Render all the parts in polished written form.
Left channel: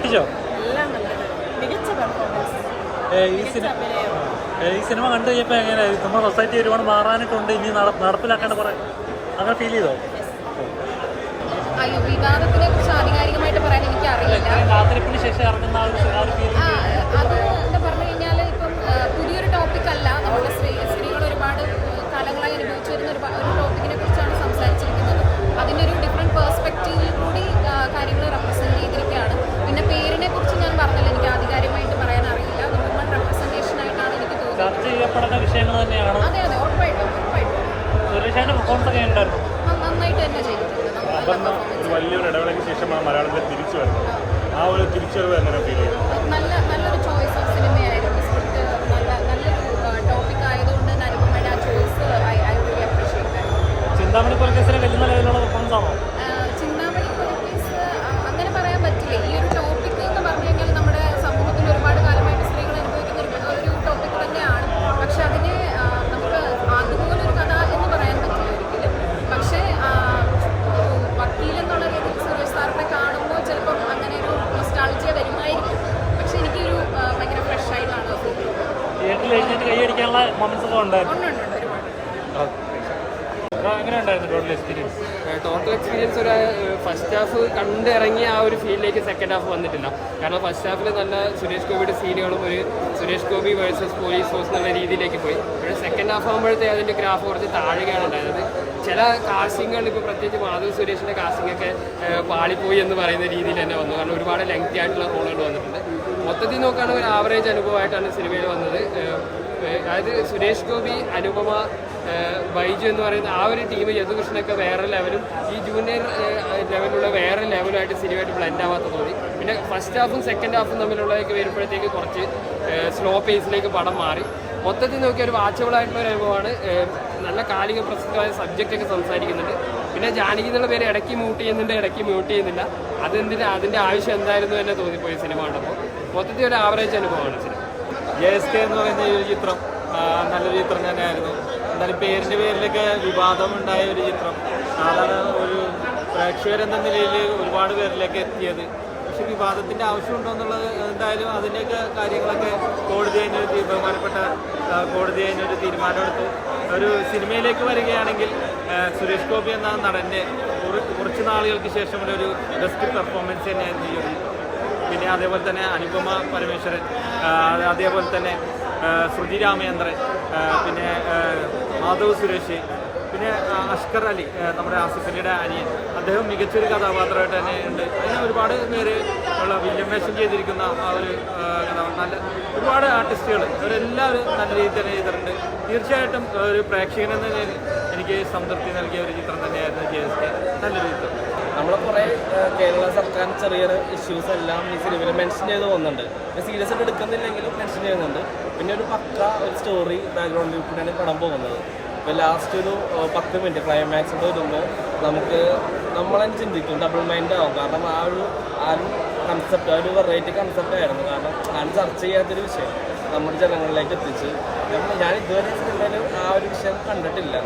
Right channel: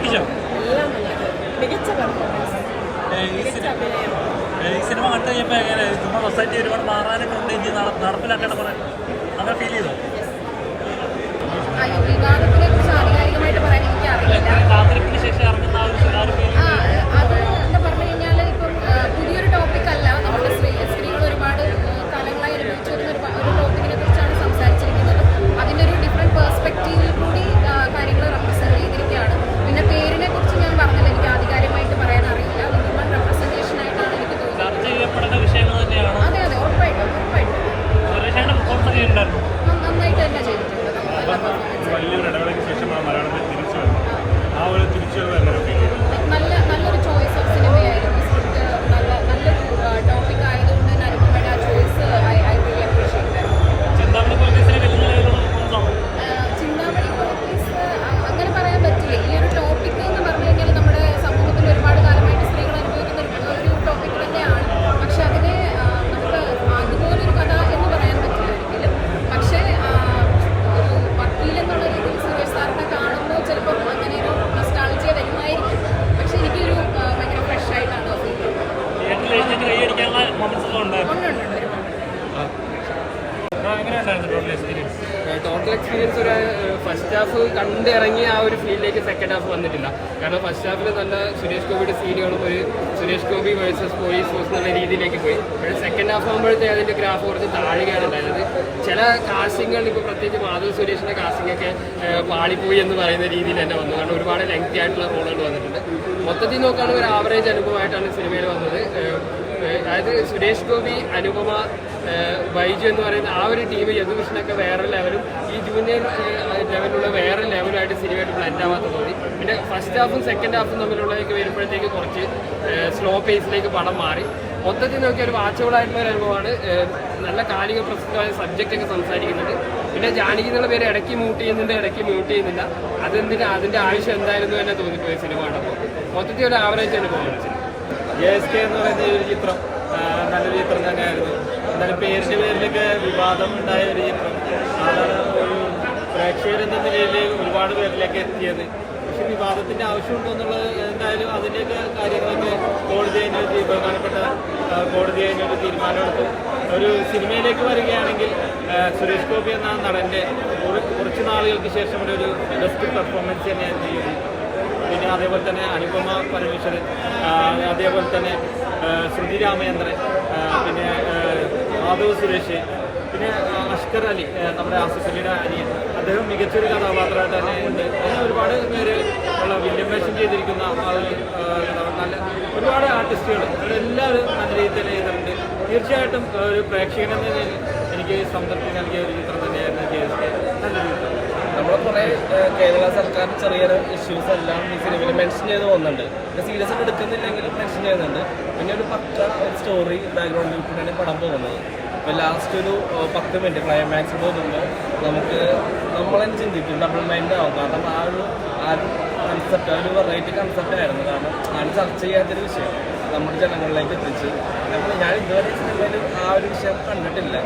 ഞെട്ടിച്ചോ? ഈ സിനിമ കണ്ടു കഴിഞ്ഞപ്പോൾ എങ്ങനെയായിരുന്നു? നമ്മൾ സൊസൈറ്റി ഒരുപാട് മാറാനൊക്കെ ഉണ്ട്, ഇനി നടപ്പിലാക്കേണ്ട കുറെ അങ്ങനെ ഫീൽ ചെയ്തോ? വിവാഹത്തിനെ കുറിച്ച് ആധികാരികമായിട്ട് പറയാൻ എനിക്കറിയില്ല. കാത്തിരിപ്പിന് ശേഷം ഇറങ്ങുന്ന ആ ഒരു ഫീൽ അത് എന്താ പറഞ്ഞു കഴിഞ്ഞാൽ ഇപ്പം പുതിയൊരു ടോപ്പിക്കല്ല. നമ്മുടെ സ്ത്രീകൾ ഒരുപാട് കാലങ്ങളായി അനുഭവിച്ചു വരുന്ന ഒരു ടോപ്പിക്കിനെ കുറിച്ചാണ് സംസാരിച്ചിരിക്കുന്നത്. അതിൻ്റെ ഒരു ഡിഫറെൻറ്റ് പേഴ്സ്പെക്റ്റീവിൽ കൂടി കാര്യങ്ങൾ റെപ്രസെൻറ്റ് ചെയ്തിരിക്കുകയാണ്. പിന്നെ പേരിനെ കുറിച്ച് ഞാൻ പറഞ്ഞില്ല, എനിക്ക് ആധികാരികമായിട്ട് പറയാൻ അറിയില്ല. വിമൺ റെപ്രസെൻറ്റേഷൻ ആയിട്ടാണ് എനിക്ക് തോന്നുന്നത്. ചർച്ച ചെയ്യപ്പെടുന്ന വിഷയങ്ങൾ തന്നെയാണ്. അതെ അതെ, ഉറപ്പായിട്ടും നന്നായിട്ട് തന്നെ ചെയ്തിട്ടുണ്ട്. നല്ലൊരു ചോയ്സ് ഓഫ് സിനിമയായിരുന്നു. സ്ക്രിപ്റ്റ് നല്ലൊരു ടോപ്പിക് ആയതുകൊണ്ട് തന്നെ അനുപമയുടെ ആ ചോയ്സ് ചിന്താമണി പോലീസ് അങ്ങനെ പറയാൻ പറ്റില്ല. ഈ ഒരു ടോപ്പിക് എന്ന് പറഞ്ഞു കഴിഞ്ഞാൽ നമ്മുടെ സമൂഹത്തിൽ ഒരുപാട് കാലമായിട്ട് സ്ത്രീകൾ അനുഭവിക്കുന്ന ഒരു ടോപ്പിക് തന്നെയാണ്. പക്ഷെ അതിനെ നമുക്ക് അതുപോലൊരു കഥ എന്ന് പറയാൻ പറ്റില്ല ഒരിക്കലും. പക്ഷേ വക്കീലെന്നുള്ള രീതിയിൽ സുരേഷ് സാറിനെ കാണുമ്പോൾ ചിലപ്പോൾ അങ്ങനെ ഒരു നൊസ്റ്റാൾജിയ വരുമായിരിക്കും. പക്ഷെ എനിക്കൊരു ഭയങ്കര ഫ്രഷ് ആയിട്ടാണ് ടോട്ടൽ എക്സ്പീരിയൻസ് ഒരു ഫസ്റ്റ് ഹാഫ് കണ്ടിറങ്ങി ആ ഒരു ഫീലിലേക്ക് സെക്കൻഡ് ഹാഫ് വന്നിട്ടില്ല. കാരണം ഫസ്റ്റ് ഹാഫിൽ നല്ല സുരേഷ് ഗോപിയുടെ സീനുകളും ഒരു Suresh Gopi versus police force എന്നുള്ള രീതിയിലേക്ക് പോയി. സെക്കൻഡ് ഹാഫ് ആകുമ്പോഴത്തേക്ക് അതിൻ്റെ ഗ്രാഫ് കുറച്ച് താഴുകയാണ് ഉണ്ടായത്. ചില കാസ്റ്റിങ്ങുകൾ ഇപ്പോൾ പ്രത്യേകിച്ച് മാധവ് സുരേഷിൻ്റെ കാസ്റ്റിംഗ് ഒക്കെ പാളിപ്പോയി എന്ന് പറയുന്ന രീതിയിൽ തന്നെ വന്നു. കാരണം ഒരുപാട് ലെങ്തി ആയിട്ടുള്ള റോളുകൾ വന്നിട്ടുണ്ട്. മൊത്തത്തിൽ നോക്കുകയാണെങ്കിൽ ഒരു ആവറേജ് അനുഭവമായിട്ടാണ് സിനിമയിൽ വന്നത്. അതായത് സുരേഷ് ഗോപി, അനുപമ, ബൈജു എന്ന് പറയുന്ന ആ ഒരു ടീം, യദുകൃഷ്ണനൊക്കെ വേറെ ലെവലും ഈ ജൂനിയർ ലെവലുള്ള വേറെ ലെവലുമായിട്ട് സിനിമയായിട്ട് ബ്ലെൻഡ് ആവാത്ത തോന്നി. പിന്നെ ഫസ്റ്റ് ഹാഫും സെക്കൻഡ് ഹാഫും തമ്മിലുള്ളതൊക്കെ വരുമ്പോഴത്തേക്ക് കുറച്ച് സ്ലോ പേസിലേക്ക് പടം മാറി. മൊത്തത്തിൽ നോക്കിയ ഒരു വാച്ചബിളായിട്ടുള്ള ഒരു അനുഭവമാണ്. നല്ല കാലിക പ്രസക്തമായ സബ്ജക്റ്റൊക്കെ സംസാരിക്കുന്നുണ്ട്. പിന്നെ ജാനകി എന്നുള്ള പേര് ഇടയ്ക്ക് മ്യൂട്ട് ചെയ്യുന്നുണ്ട്, ഇടയ്ക്ക് മ്യൂട്ട് ചെയ്യുന്നില്ല. അതിൻ്റെ ആവശ്യം എന്തായിരുന്നു തന്നെ തോന്നിപ്പോയി സിനിമ കണ്ടപ്പോൾ. മൊത്തത്തിൽ ഒരു ആവറേജ് അനുഭവമാണ് സിനിമ. JSK എന്ന് പറയുന്ന ഈ ഒരു ചിത്രം നല്ലൊരു ചിത്രം തന്നെയായിരുന്നു. എന്തായാലും പേരിൻ്റെ പേരിലൊക്കെ വിവാദം ഉണ്ടായ ഒരു ചിത്രം. അതാണ് ഒരു പ്രേക്ഷകരെന്ന നിലയിൽ ഒരുപാട് പേരിലേക്ക് എത്തിയത്. പക്ഷെ വിവാദത്തിൻ്റെ ആവശ്യമുണ്ടോ എന്നുള്ളത് എന്തായാലും അതിൻ്റെയൊക്കെ കാര്യങ്ങളൊക്കെ ബഹുമാനപ്പെട്ട കോടതി അതിനൊരു തീരുമാനമെടുത്തു. ഒരു സിനിമയിലേക്ക് വരികയാണെങ്കിൽ സുരേഷ് ഗോപി എന്ന നടൻ്റെ കുറച്ച് നാളുകൾക്ക് ശേഷം ഒരു ബെസ്റ്റ് പെർഫോമൻസ് തന്നെയായിരുന്നു ഈ ഒരു. പിന്നെ അതേപോലെ തന്നെ അനുപമ പരമേശ്വരൻ, അതേപോലെ തന്നെ ശ്രുതി രാമചന്ദ്രൻ, പിന്നെ മാധവ് സുരേഷ്, പിന്നെ അഷ്കർ അലി, നമ്മുടെ ആസിഫ് അലിയുടെ അനിയൻ, അദ്ദേഹം മികച്ചൊരു കഥാപാത്രമായിട്ട് തന്നെ ഉണ്ട്. അങ്ങനെ ഒരുപാട് പേര് ഉള്ള വില്യം വേഷം ചെയ്തിരിക്കുന്ന ആ ഒരു നല്ല ഒരുപാട് ആർട്ടിസ്റ്റുകൾ അവരെല്ലാവരും നല്ല രീതിയിൽ തന്നെ ചെയ്തിട്ടുണ്ട്. തീർച്ചയായിട്ടും ഒരു പ്രേക്ഷകൻ എന്ന നിലയിൽ എനിക്ക് സംതൃപ്തി നൽകിയ ഒരു ചിത്രം തന്നെയായിരുന്നു JSK. നല്ല രീതിയിൽ നമ്മൾ കുറേ കേരള സർക്കാർ ചെറിയൊരു ഇഷ്യൂസ് എല്ലാം ഈ സിനിമയിൽ മെൻഷൻ ചെയ്ത് പോകുന്നുണ്ട്. ഇപ്പോൾ സീരിയസ് ആയിട്ട് എടുക്കുന്നില്ലെങ്കിലും മെൻഷൻ ചെയ്യുന്നുണ്ട്. പിന്നെ ഒരു പക്ക ഒരു സ്റ്റോറി ബാക്ക്ഗ്രൗണ്ടിൽ കൂടെയാണ് പടം പോകുന്നത്. ഇപ്പോൾ ലാസ്റ്റ് ഒരു 10 മിനിറ്റ് ക്ലൈമാക്സ് തോന്നുമ്പോൾ നമ്മളെന്നെ ചിന്തിക്കും, ഡബിൾ മൈൻഡ് ആവും. കാരണം ആ ഒരു കൺസെപ്റ്റ്, ആ ഒരു വെറൈറ്റി കൺസെപ്റ്റ് ആയിരുന്നു. കാരണം ഞാൻ ചർച്ച ചെയ്യാത്തൊരു വിഷയം നമ്മുടെ ജനങ്ങളിലേക്ക് എത്തിച്ച് ഞാൻ ഇതുവരെ സിനിമയിൽ ആ ഒരു വിഷയം കണ്ടിട്ടില്ല.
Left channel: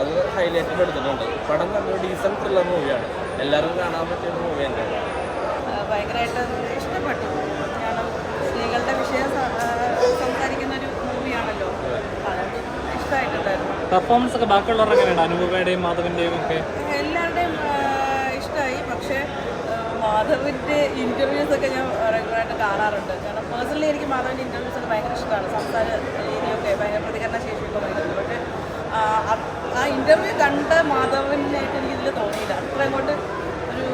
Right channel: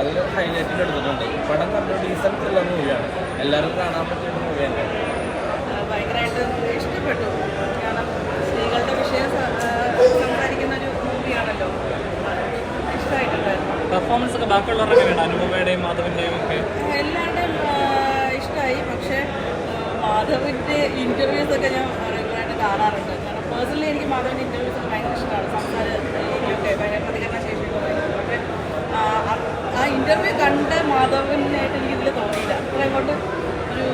അത് ഹൈലൈറ്റിൽ എടുത്തിട്ടുണ്ട്. പടം നല്ല ഡീസൻറ്റ് ഉള്ള മൂവിയാണ്. എല്ലാവരും കാണാൻ പറ്റിയ ഒരു മൂവി തന്നെയാണ്. ഭയങ്കരമായിട്ട് ഇഷ്ടപ്പെട്ടു. കാരണം സ്ത്രീകളുടെ വിഷയം സംസാരിക്കുന്ന ഒരു മൂവിയാണല്ലോ. ഇഷ്ടമായിട്ടുണ്ടായിരുന്നു. പെർഫോമൻസ് ഒക്കെ ബാക്കിയുള്ളവരുടെ അനുപമയുടെയും മാധവൻ്റെയും ഒക്കെ എല്ലാവരുടെയും ഇഷ്ടമായി. പക്ഷേ മാധവിൻ്റെ ഇൻ്റർവ്യൂസൊക്കെ ഞാൻ റെഗുലറായിട്ട് കാണാറുണ്ട്. കാരണം പേഴ്സണലി എനിക്ക് മാധവിൻ്റെ ഇൻ്റർവ്യൂസൊക്കെ ഭയങ്കര ഇഷ്ടമാണ്. സംസാര രീതിയൊക്കെ ഭയങ്കര പ്രതികരണ ശേഷിയൊക്കെ ഭയങ്കര. പക്ഷേ ആ ഇൻ്റർവ്യൂ കണ്ട മാധവനായിട്ട് എനിക്കിതിൽ തോന്നിയില്ല. അത്രയും കൊണ്ട് ഒരു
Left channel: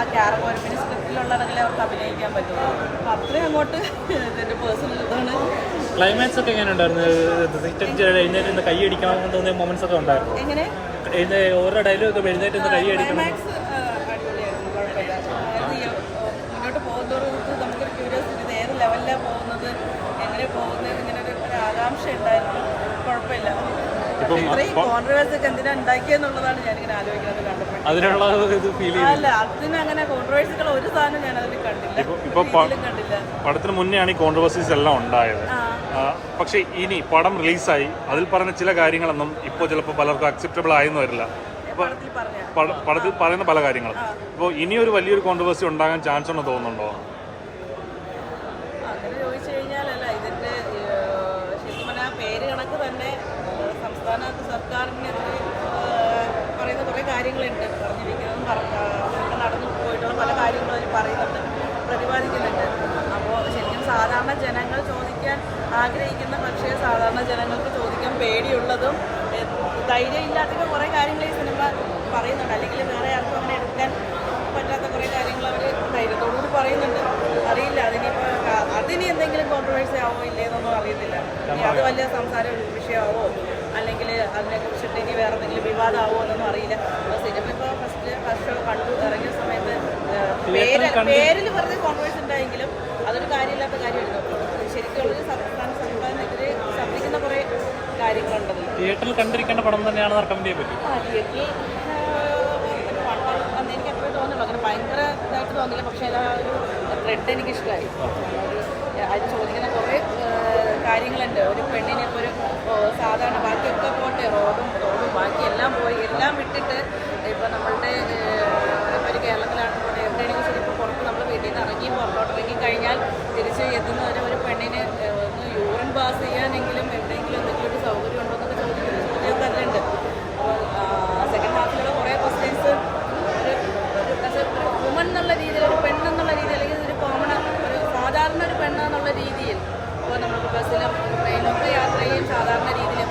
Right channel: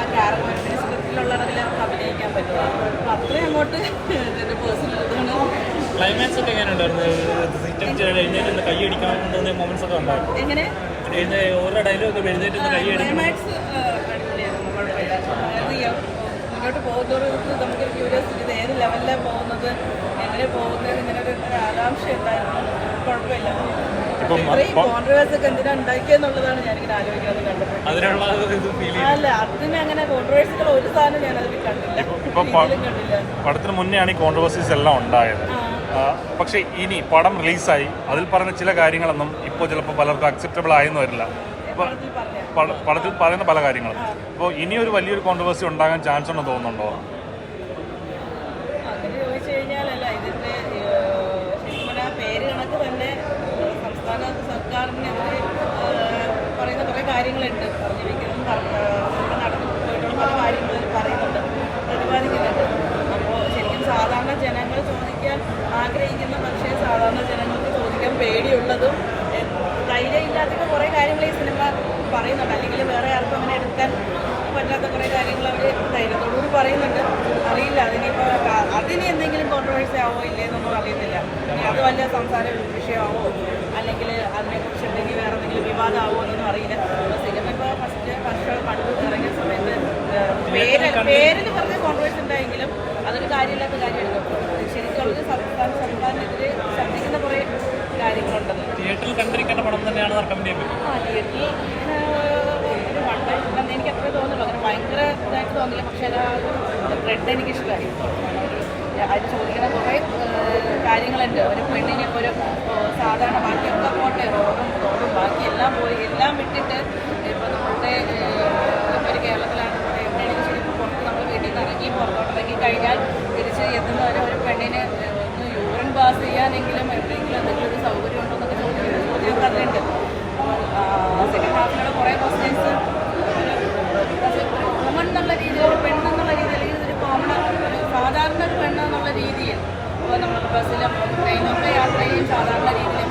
ആ ക്യാരക്ടർ സ്ക്രിപ്റ്റിലുള്ളതെങ്കിലും അവർക്ക് അഭിനയിക്കാൻ പറ്റുമോ. അപ്പോൾ അത്രയും അങ്ങോട്ട് ഒരു പേഴ്സണൽ ഇതാണ്. ക്ലൈമാക്സ് ഒക്കെ എങ്ങനെയുണ്ടായിരുന്നു? കൈയടിക്കണം തോന്നിയ മൊമെന്റ്സ് ഒക്കെ ഉണ്ടായിരുന്നു. എങ്ങനെ ഓരോ ഡയലോഗ് എഴുന്നേറ്റ് ക്ലൈമാക്സ് അടിപൊളിയായിരുന്നു, കുഴപ്പമില്ല. അതായത് മുന്നോട്ട് പോകുന്നവർക്ക് നമുക്കൊരു ക്യൂരിയോസിറ്റി, ഇത് ഏത് ലെവലിലാണ് പോകുന്നത്, എങ്ങനെ പോകുന്നത്, ഇങ്ങനെ ഒരു ആകാംക്ഷ ഉണ്ടായിരുന്നു. കുഴപ്പമില്ല. ഇത്രയും കോൺട്രവേഴ്സി ഒക്കെ എന്തിനാ ഉണ്ടാക്കിയെന്നുള്ളതാണ് ഞാനിങ്ങനെ ആലോചിക്കുന്നത് കണ്ടപ്പോൾ. അല്ല, അതിന് അങ്ങനെ കോൺട്രവേഴ്സികൾ ഒരു സാധനം ഞാൻ അതിൽ കണ്ടില്ല. പടത്തിന് മുന്നെയാണ് ഈ കോൺട്രവേഴ്സീസ് എല്ലാം ഉണ്ടായത്. പക്ഷേ ഇനി പടം റിലീസായി അതിൽ പറഞ്ഞ ചില കാര്യങ്ങളൊന്നും ഇപ്പോൾ ചിലപ്പോൾ പലർക്കും അക്സെപ്റ്റബിൾ ആയെന്ന് വരില്ല. അപ്പോൾ പടത്തിൽ പറയുന്ന പല കാര്യങ്ങളും. അപ്പോൾ ഇനിയൊരു വലിയൊരു കോൺട്രവേഴ്സി ഉണ്ടാകാൻ ചാൻസ് ഉണ്ടെന്ന് തോന്നുന്നുണ്ടോ? കഴിഞ്ഞാലല്ല ഇതിൻ്റെ ശരിക്കും പറഞ്ഞാൽ പേര് കണക്ക് തന്നെ സംസ്ഥാന സർക്കാരിന് പറയുന്ന കുറേ കാര്യങ്ങളുണ്ട്, പറഞ്ഞിരിക്കുന്നതും ഇവിടെ നടന്നു പോയിട്ടുള്ള പല കാര്യങ്ങളും പറയുന്നുണ്ട്, പ്രതിപാദിക്കുന്നുണ്ട്. അപ്പോൾ ശരിക്കും സാധാരണ ജനങ്ങൾ ചോദിക്കാൻ ആഗ്രഹിക്കുന്ന പക്ഷേ സാധാരണ ജനങ്ങൾക്ക് ചോദിക്കാൻ പേടിയുള്ളതും ധൈര്യമില്ലാത്ത കുറേ കാര്യങ്ങൾ ഈ സിനിമ പറയുന്നുണ്ട്. അല്ലെങ്കിൽ വേറെ ആർക്കും അങ്ങനെ എടുക്കാൻ പറ്റാത്ത കുറേ കാര്യങ്ങൾ അവർ ധൈര്യത്തോടുകൂടി പറയുന്നുണ്ട്. അറിയില്ല അതിനിപ്പോൾ അതിന് എന്തെങ്കിലും കോൺട്രവേഴ്സി ആവോ ഇല്ലയെന്നൊന്നും അറിയത്തില്ല. അത് വലിയ സംസാര വിഷയമാവോ അല്ലെങ്കിൽ അതിനെക്കുറിച്ച് ഇനി വേറെ എന്തെങ്കിലും വിവാദമാവോ എന്നൊന്നും അറിയില്ല. അപ്പോൾ സിനിമ ഇപ്പോൾ ഫസ്റ്റ് കണ്ടു ഇറങ്ങിയ സമയത്ത് പേരിൽ പറഞ്ഞ കോൺട്രവേഴ്സി ഉണ്ടായെങ്കിലും അതൊരു കാര്യമില്ലാത്ത കാര്യമായിരുന്നു. ശരിക്കും അവർ സർക്കാരിനെതിരെ ശബ്ദിക്കുന്ന കുറേ കാര്യങ്ങളുണ്ടല്ലോ. തിയേറ്ററിൽ കണ്ടിരിക്കേണ്ട പടം തന്നെയാണ് കമ്പനിയെ പറ്റി. തിയേറ്ററിൽ ഒരു വൺ ടൈം എന്ന് എനിക്ക് അത്രേ തോന്നുള്ളൂ. അങ്ങനെ ഭയങ്കര ഇതായിട്ട് തോന്നില്ല. പക്ഷേ ഒരു ത്രെഡ് എനിക്കിഷ്ടമായി. ഒരു അത് ചോദിക്കുന്ന കുറേ കാര്യങ്ങളുണ്ട്. ഒരു പെണ്ണിനെ ഇപ്പോൾ ഒരു സാധാരണ ബാക്കിയൊക്കെ പോട്ടെ, റോഡും ബാക്കി എല്ലാം പോയി എല്ലാം വിട്ടിട്ട് ഇപ്പോൾ നമ്മളുടെ ഒരു കേരളത്തിലാണ് എവിടെയാണെങ്കിലും ശരി പുറത്ത് നമ്മൾ വീട്ടിൽ നിന്ന് ഇറങ്ങി പുറത്തോട്ടിറങ്ങി കഴിഞ്ഞാൽ തിരിച്ച് എത്തുന്ന ഒരു പെണ്ണിനെ ഒന്ന് യൂറിൻ പാസ് ചെയ്യാനെങ്കിലും എവിടെയെങ്കിലും എന്തെങ്കിലും ഒരു സൗകര്യം ഉണ്ടോ എന്നൊക്കെ ചോദ്യം തന്നെയുണ്ട്. അപ്പോൾ സെക്കൻഡ് ഹാഫിലുള്ള കുറേ ക്വസ്റ്റ്യൻസ് ഒരു വുമൺ എന്നുള്ള രീതിയിൽ, ഒരു പെണ്ണെന്നുള്ള രീതിയിൽ, അല്ലെങ്കിൽ ഒരു കോമൺ സാധാരണ ഒരു പെണ്ണെന്നുള്ള രീതിയിൽ ഇപ്പോൾ നമുക്ക് ബസ്സിലും ട്രെയിനൊക്കെ യാത്ര ചെയ്യും സാധാരണ രീതിയിൽ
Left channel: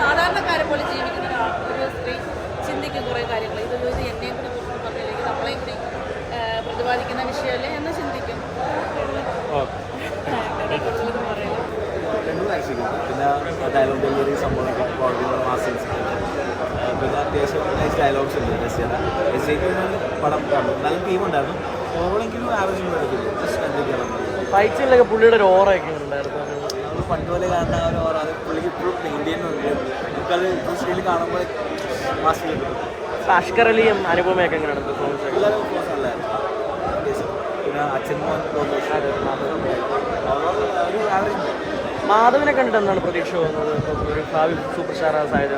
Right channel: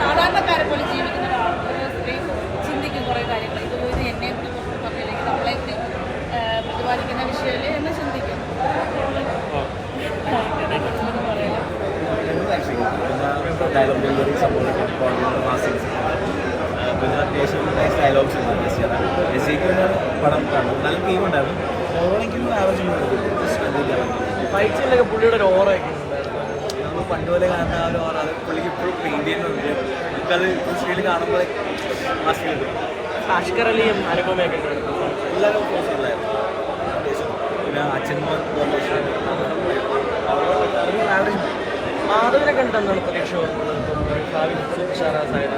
സാധാരണക്കാരെ പോലെ ജീവിക്കുന്ന ഒരു സ്ത്രീ ചിന്തിക്കും കുറേ കാര്യങ്ങൾ. ഇത് എന്നെ കൂടി പറഞ്ഞില്ലെങ്കിൽ നമ്മളെ കൂടി പ്രതിപാദിക്കുന്ന വിഷയമല്ലേ എന്ന് ചിന്തിക്കും. അതേക്കുറിച്ച് പറയാം. പിന്നെ ഡയലോഗ് ഡെലിവറി സംഭവങ്ങളൊക്കെ കോൺട്രോൾ മാസിൻസ്, പിന്നെ അത്യാവശ്യം നൈസ് ഡയലോഗ്സ് ഉണ്ട്. ജെസ്സിക്ക് വേണ്ടിയാണ് പടം കാണുന്നത്. നല്ല ടീമുണ്ടായിരുന്നു. ഓവറോളെങ്കിലും ആവറേജ് ശ്രദ്ധിക്കണം. ഫൈറ്റ്സിലൊക്കെ പുള്ളിയുടെ ഒരു ഓറയൊക്കെ ഉണ്ടായിരുന്നു. നമ്മൾ പണ്ട് പോലെ കാണുന്ന ആ ഒരു ഓറ അത് പുള്ളിക്ക് ഇപ്പോഴും പെയിൻറ്റ് ചെയ്യുന്നുണ്ട്. നമുക്കത് സ്ക്രീനിൽ കാണുമ്പോൾ മാസിലേക്ക് അഷ്കർ അലിയും അനുപമയൊക്കെ കാണുന്നു. എല്ലാവരും ക്ലോസ് ഉണ്ടായിരുന്നു. പിന്നെ അച്ഛൻ മോൻ ഓവറോൾ ഒരു ആവറേജ്. മാധവനെ കണ്ടെന്നാണ് പ്രതീക്ഷ തോന്നുന്നത് ഒരു ഭാവി സൂപ്പർ സ്റ്റാർ ആയത്.